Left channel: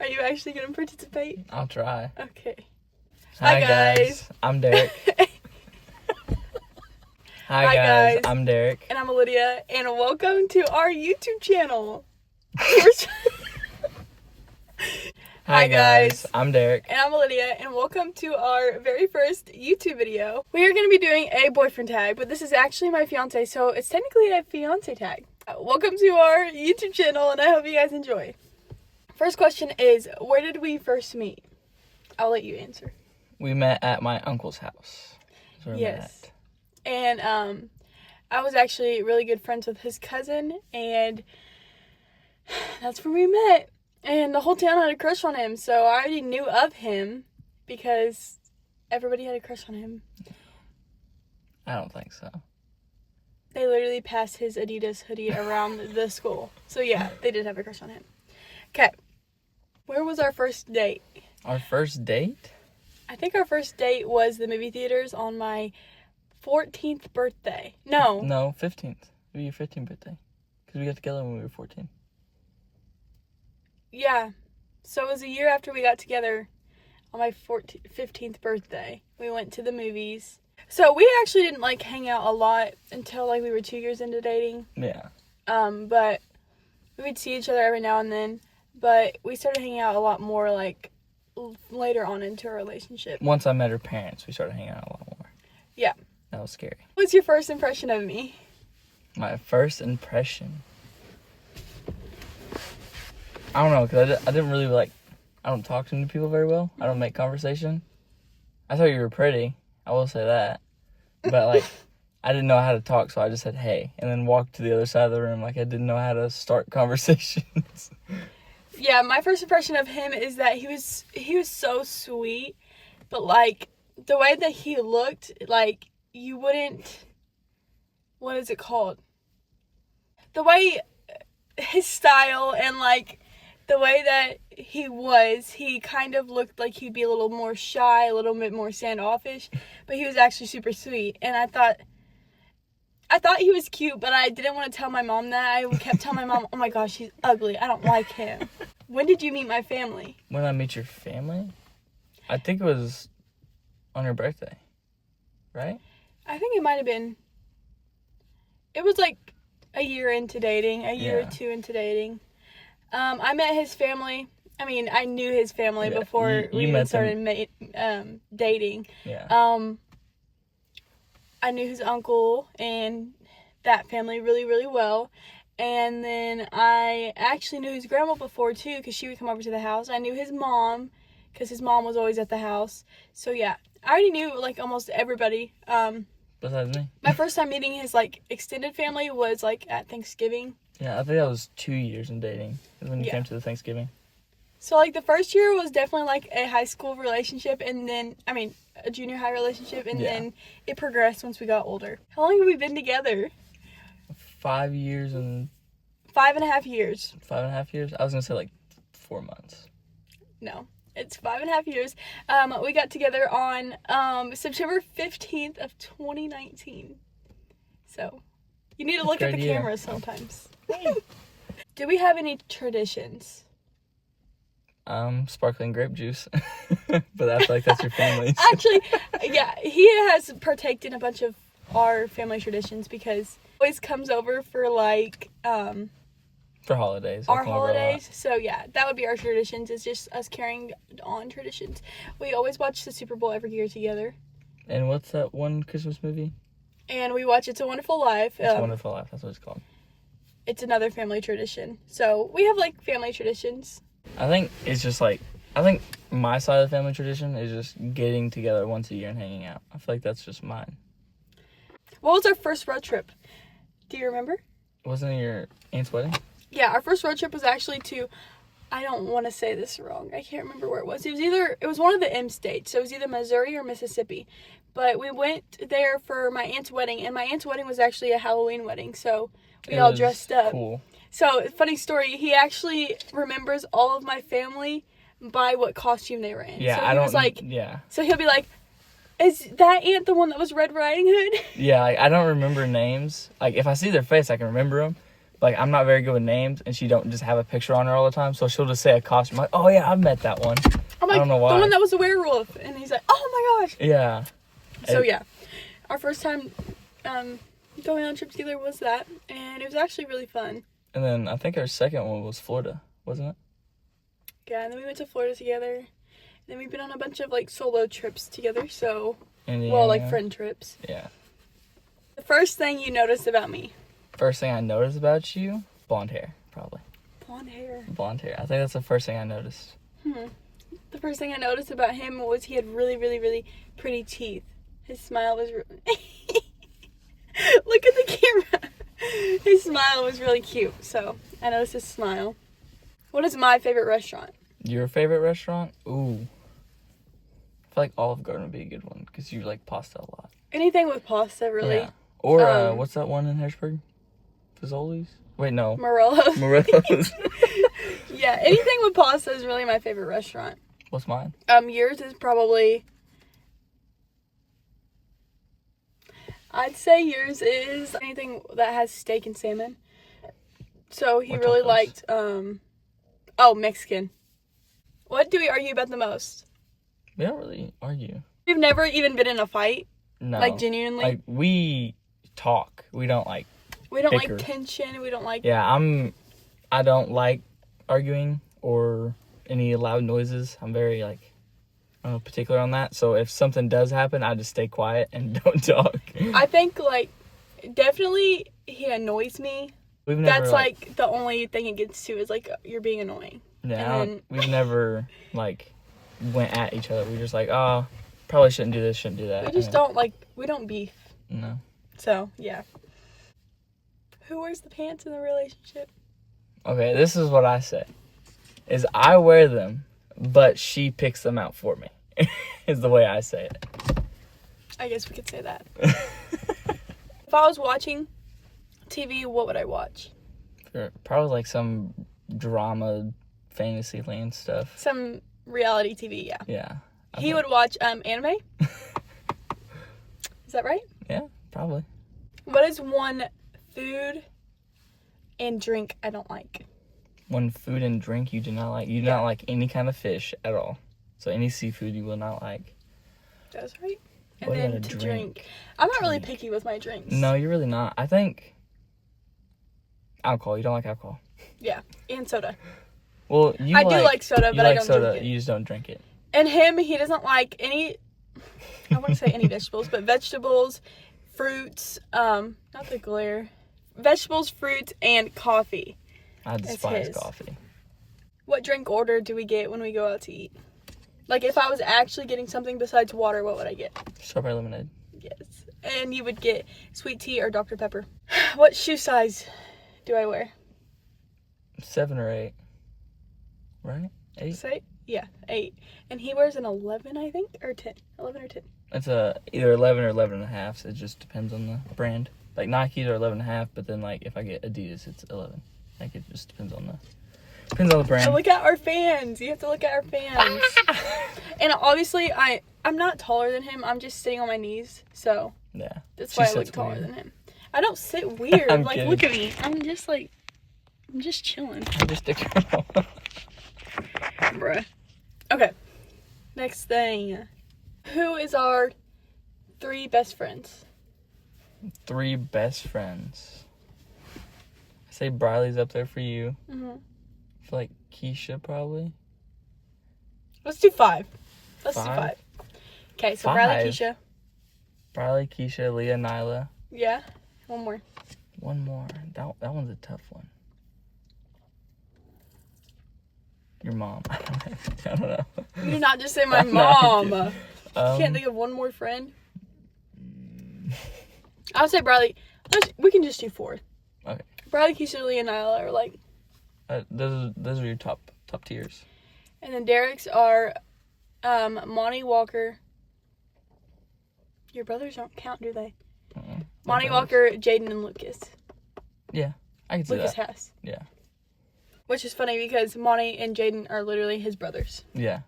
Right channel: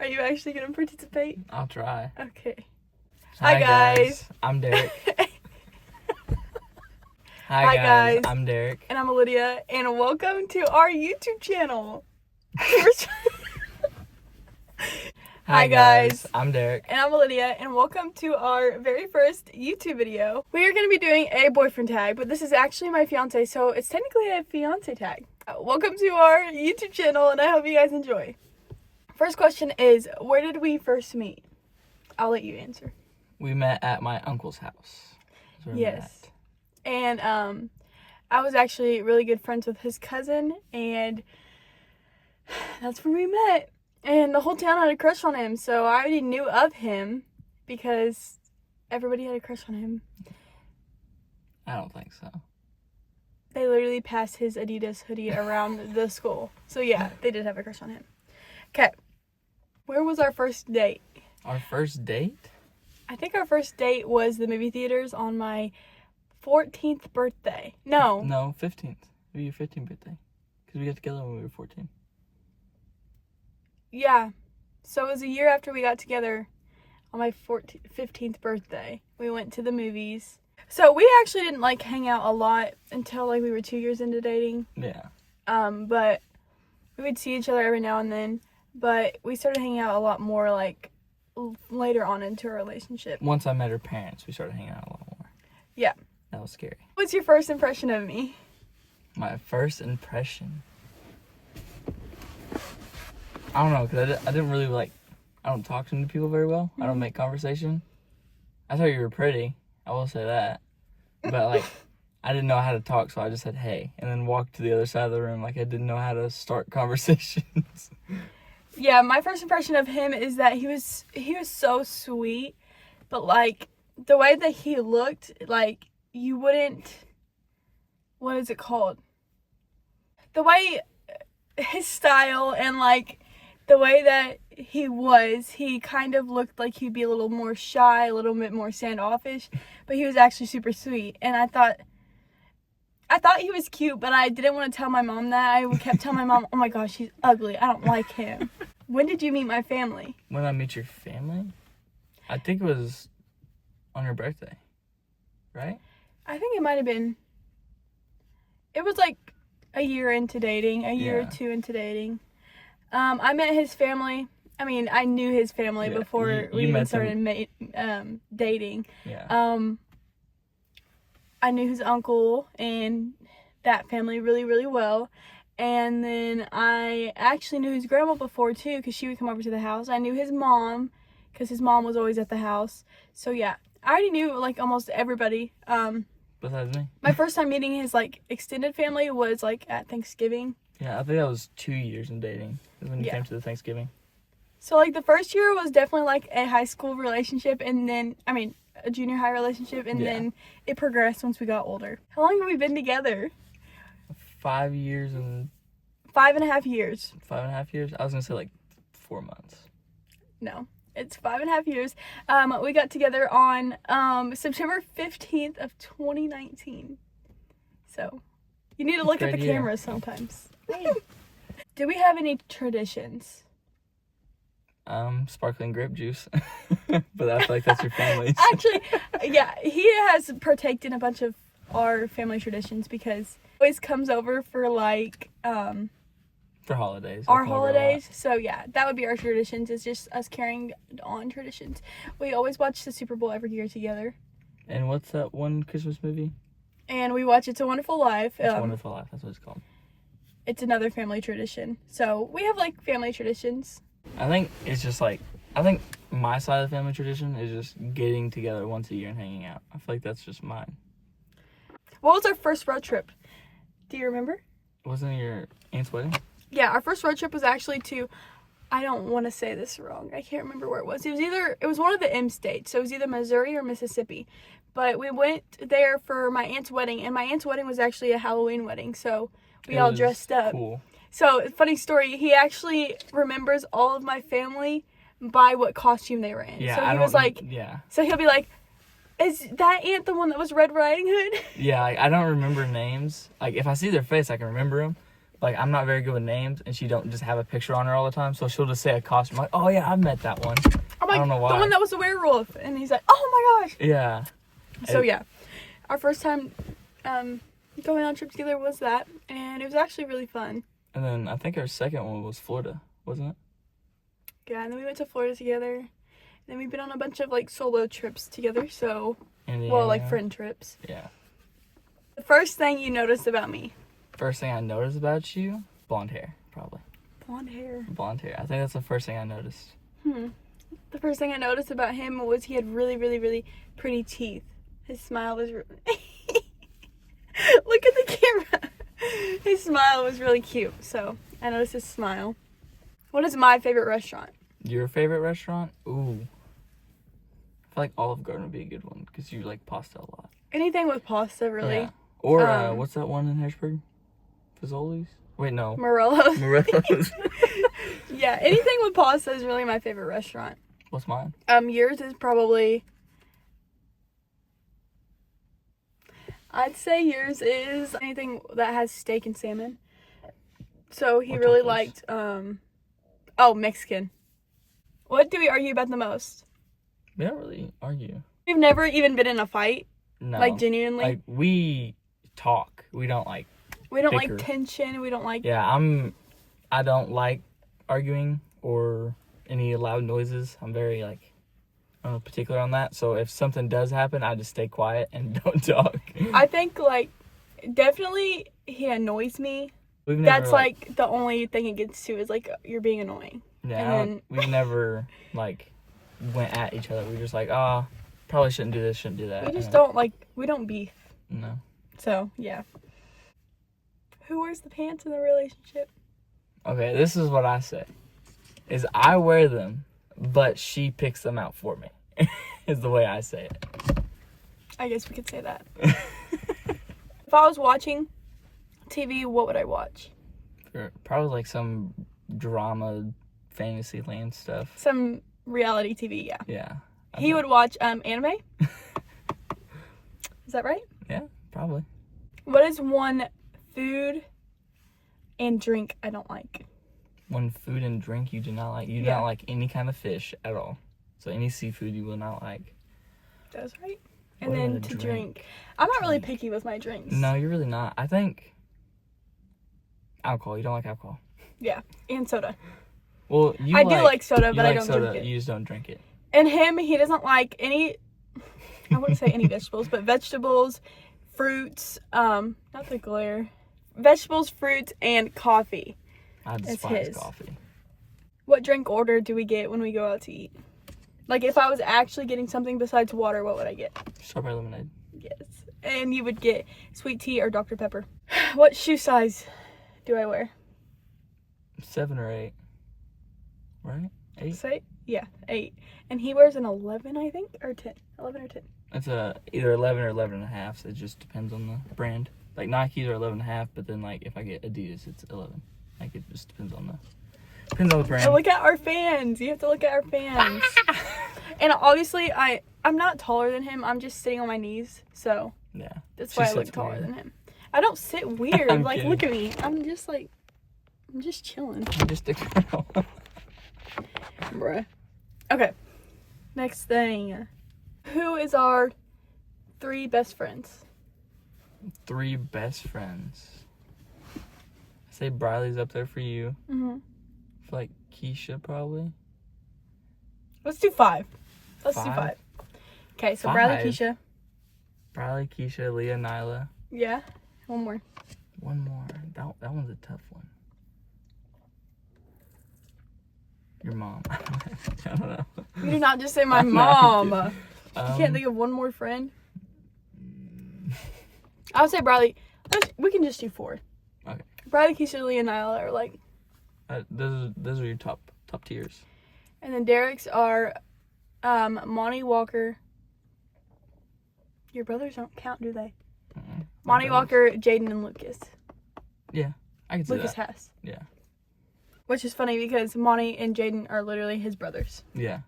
Are you actually going to participate? I'll try. Okay. Hi guys. I'm Derek. Hi guys. I'm Derek. And I'm Lydia. And welcome to our YouTube channel. Hi guys. I'm Derek. And I'm Lydia. And welcome to our very first YouTube video. We are going to be doing a boyfriend tag, but this is actually my fiance, so it's technically a fiance tag. Welcome to our YouTube channel, and I hope you guys enjoy. First question is, where did we first meet? I'll let you answer. We met at my uncle's house. That's where we Yes. And I was actually really good friends with his cousin, and that's where we met. And the whole town had a crush on him, so I already knew of him because everybody had a crush on him. I don't think so. They literally passed his Adidas hoodie around the school. So yeah, they did have a crush on him. Okay. Where was our first date? Our first date? I think our first date was the movie theaters on my 14th birthday. No, 15th. It was your 15th birthday. Because we got together when we were 14. Yeah. So it was a year after we got together on my 15th birthday. We went to the movies. So we actually didn't hang out a lot until we were 2 years into dating. Yeah. But we would see each other every now and then. But we started hanging out a lot more later on into our relationship. Once I met her parents, we started hanging out a lot more. Yeah. That was scary. What's your first impression of me? My first impression? I don't know, because I didn't really I don't talk to new people very well. I don't make conversation. I thought you were pretty. I will say that. But, I didn't know how to talk, so I just said, hey, and then walked to the other side of the room I didn't know how to start conversations. Yeah, my first impression of him is that he was so sweet, but, the way that he looked, you wouldn't, what is it called? The way, his style and, the way that he kind of looked like he'd be a little more shy, a little bit more standoffish, but he was actually super sweet, and I thought he was cute, but I didn't want to tell my mom that. I kept telling my mom, oh my gosh, he's ugly, I don't like him. When did you meet my family? When I meet your family? I think it was on your birthday, right? I think it might have been. It was a year into dating, a year or two into dating. I met his family. I mean, I knew his family before we even started dating. Yeah. I knew his uncle and that family really, really well. And then I actually knew his grandma before, too, because she would come over to the house. I knew his mom, because his mom was always at the house. So, yeah, I already knew, almost everybody. Besides me? My first time meeting his, extended family was, at Thanksgiving. Yeah, I think that was 2 years in dating. Is when you came to the Thanksgiving. So, the first year was definitely, a high school relationship, and then, a junior high relationship, and then it progressed once we got older. How long have we been together? 5 years and... 5.5 years. 5.5 years? I was going to say, 4 months. No, it's 5.5 years. We got together on September 15th of 2019. So, you need to look at the camera sometimes. Do we have any traditions? Sparkling grape juice. But I feel like that's your family's. Actually, yeah, he has partaked in a bunch of our family traditions because he always comes over for for holidays. Our holidays. So yeah, that would be our traditions. It's just us carrying on traditions. We always watch the Super Bowl every year together. And what's that one Christmas movie? And we watch It's a Wonderful Life. It's a Wonderful Life. That's what it's called. It's another family tradition. So we have family traditions. I think it's just I think my side of the family tradition is just getting together once a year and hanging out. I feel like that's just mine. What was our first road trip? Do you remember? Wasn't it your aunt's wedding? Yeah, our first road trip was actually to, I don't want to say this wrong. I can't remember where it was. It was one of the M states. So it was either Missouri or Mississippi. But we went there for my aunt's wedding, and my aunt's wedding was actually a Halloween wedding. So we all dressed up. Cool. So, funny story, he actually remembers all of my family by what costume they were in. Yeah, so So he'll be like, is that aunt the one that was Red Riding Hood? Yeah, I don't remember names. If I see their face, I can remember them. Like, I'm not very good with names, and she don't just have a picture on her all the time, so she'll just say a costume. Like, oh, yeah, I've met that one. I'm like, I don't know why. the one that was a werewolf. And he's like, oh, my gosh. Yeah. So, yeah. Our first time going on a trip together was that. And it was actually really fun. And then I think our second one was Florida, wasn't it? Yeah, and then we went to Florida together. And then we've been on a bunch of, like, solo trips together. So, well, like, friend trips. Yeah. The first thing you noticed about me. First thing I noticed about you, blonde hair, probably. Blonde hair. Blonde hair. I think that's the first thing I noticed. The first thing I noticed about him was he had really, really, really pretty teeth. His smile was Look at the camera. His smile was really cute, so I noticed his smile. What is my favorite restaurant? Your favorite restaurant? Ooh. I feel like Olive Garden would be a good one, because you like pasta a lot. Anything with pasta, really. Yeah. Or, what's that one in Harrisburg? Fazoli's? Wait, no. Morello's. Morello's. Yeah, anything with pasta is really my favorite restaurant. What's mine? Yours is probably... I'd say yours is anything that has steak and salmon. So he What really tacos? liked, Mexican. What do we argue about the most? We don't really argue. We've never even been in a fight. No. Like, genuinely. Like, we talk. We don't, like... We don't bicker. like tension. We don't like... Yeah, I don't like arguing or any loud noises. I'm very, like, I don't know, particular on that. So if something does happen, I just stay quiet and don't talk. I think, like, definitely he annoys me. We've never, That's, like, the only thing it gets to is, like, you're being annoying. Yeah, and we've never, like, went at each other. We're just like, oh, probably shouldn't do this, shouldn't do that. we just don't, like, we don't beef. No. So, yeah. Who wears the pants in the relationship? Okay, this is what I say. Is I wear them, but she picks them out for me. Is the way I say it. I guess we could say that. If I was watching TV, what would I watch? Probably like some drama, fantasy land stuff. Some reality TV, yeah. Yeah. He would watch anime. Is that right? Yeah, probably. What is one food and drink I don't like? One food and drink you do not like. You do not like any kind of fish at all. So any seafood you will not like. That's right. And What then about a to drink? drink. I'm not really picky with my drinks. No, you're really not. I think alcohol. You don't like alcohol. Yeah, and soda. Well, I do like soda, you but I like don't soda. drink it. You just don't drink it. And him, he doesn't like any, I wouldn't say any vegetables, but vegetables, fruits, not the glare, vegetables, fruits, and coffee. I despise his. coffee. What drink order do we get when we go out to eat? Like, if I was actually getting something besides water, what would I get? Strawberry lemonade. Yes. And you would get sweet tea or Dr. Pepper. What shoe size do I wear? 7 or 8. Right? 8? Say? Yeah, 8. And he wears an 11, I think, or 10. 11 or 10. It's either 11 or 11 and a half. So it just depends on the brand. Like Nikes are 11 and a half, but then like if I get Adidas, it's 11. Like it just depends on the brand. So look at our fans. You have to look at our fans. And obviously, I'm not taller than him. I'm just sitting on my knees. So Yeah. that's She why I look sits taller weird. than him. I don't sit weird. I'm Like, kidding. look at me. I'm just chilling. I just stick around. Bruh. Okay. Next thing. Who is our 3 best friends? 3 best friends. I say Briley's up there for you. Mm-hmm. I feel like Keisha probably. Let's do 5. Let's do 5? 5. Okay, so Bradley, 5? Keisha. Briley, Keisha, Leah, Nyla. Yeah. One more. One more. That one's a tough one. Your mom. I don't know. You did not just say my I'm not mom. kidding. You can't think of one more friend? I would say Bradley. We can just do 4. Okay. Bradley, Keisha, Leah, and Nyla are like... Those are your top tiers. And then Derek's are Monty Walker. Your brothers don't count, do they? Monty Walker, Jaden, and Lucas. Yeah, I can see Lucas that. Hess. Yeah. Which is funny because Monty and Jaden are literally his brothers. Yeah.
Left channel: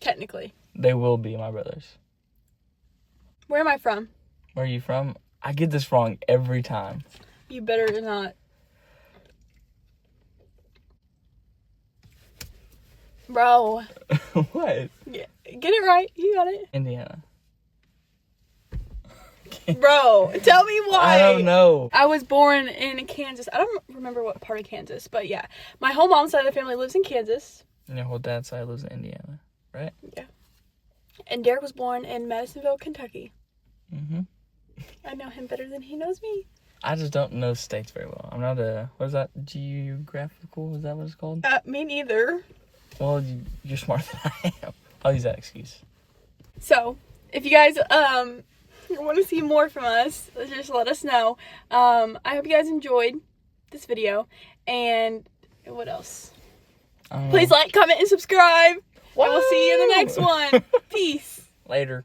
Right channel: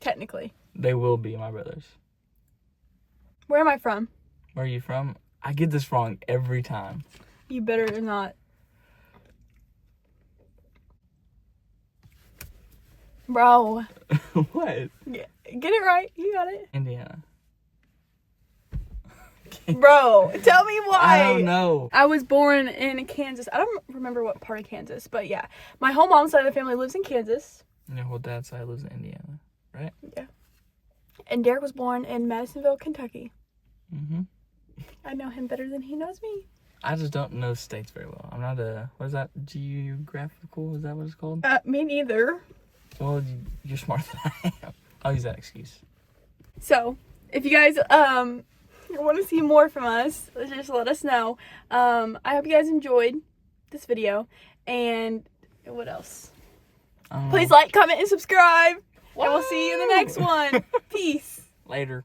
Technically. They will be my brothers. Where am I from? Where are you from? I get this wrong every time. You better not. Bro. What? Get it right. You got it. Indiana. Bro, tell me why. I don't know. I was born in Kansas. I don't remember what part of Kansas, but yeah. My whole mom's side of the family lives in Kansas. And your whole dad's side lives in Indiana, right? Yeah. And Derek was born in Madisonville, Kentucky. Mm-hmm. I know him better than he knows me. I just don't know states very well. I'm not a, what is that, geographical? Is that what it's called? Me neither. Well, you're smarter than I am. I'll use that excuse. So, if you guys want to see more from us, just let us know. I hope you guys enjoyed this video. And what else? Please like, comment, and subscribe. And we'll see you in the next one. Peace. Later.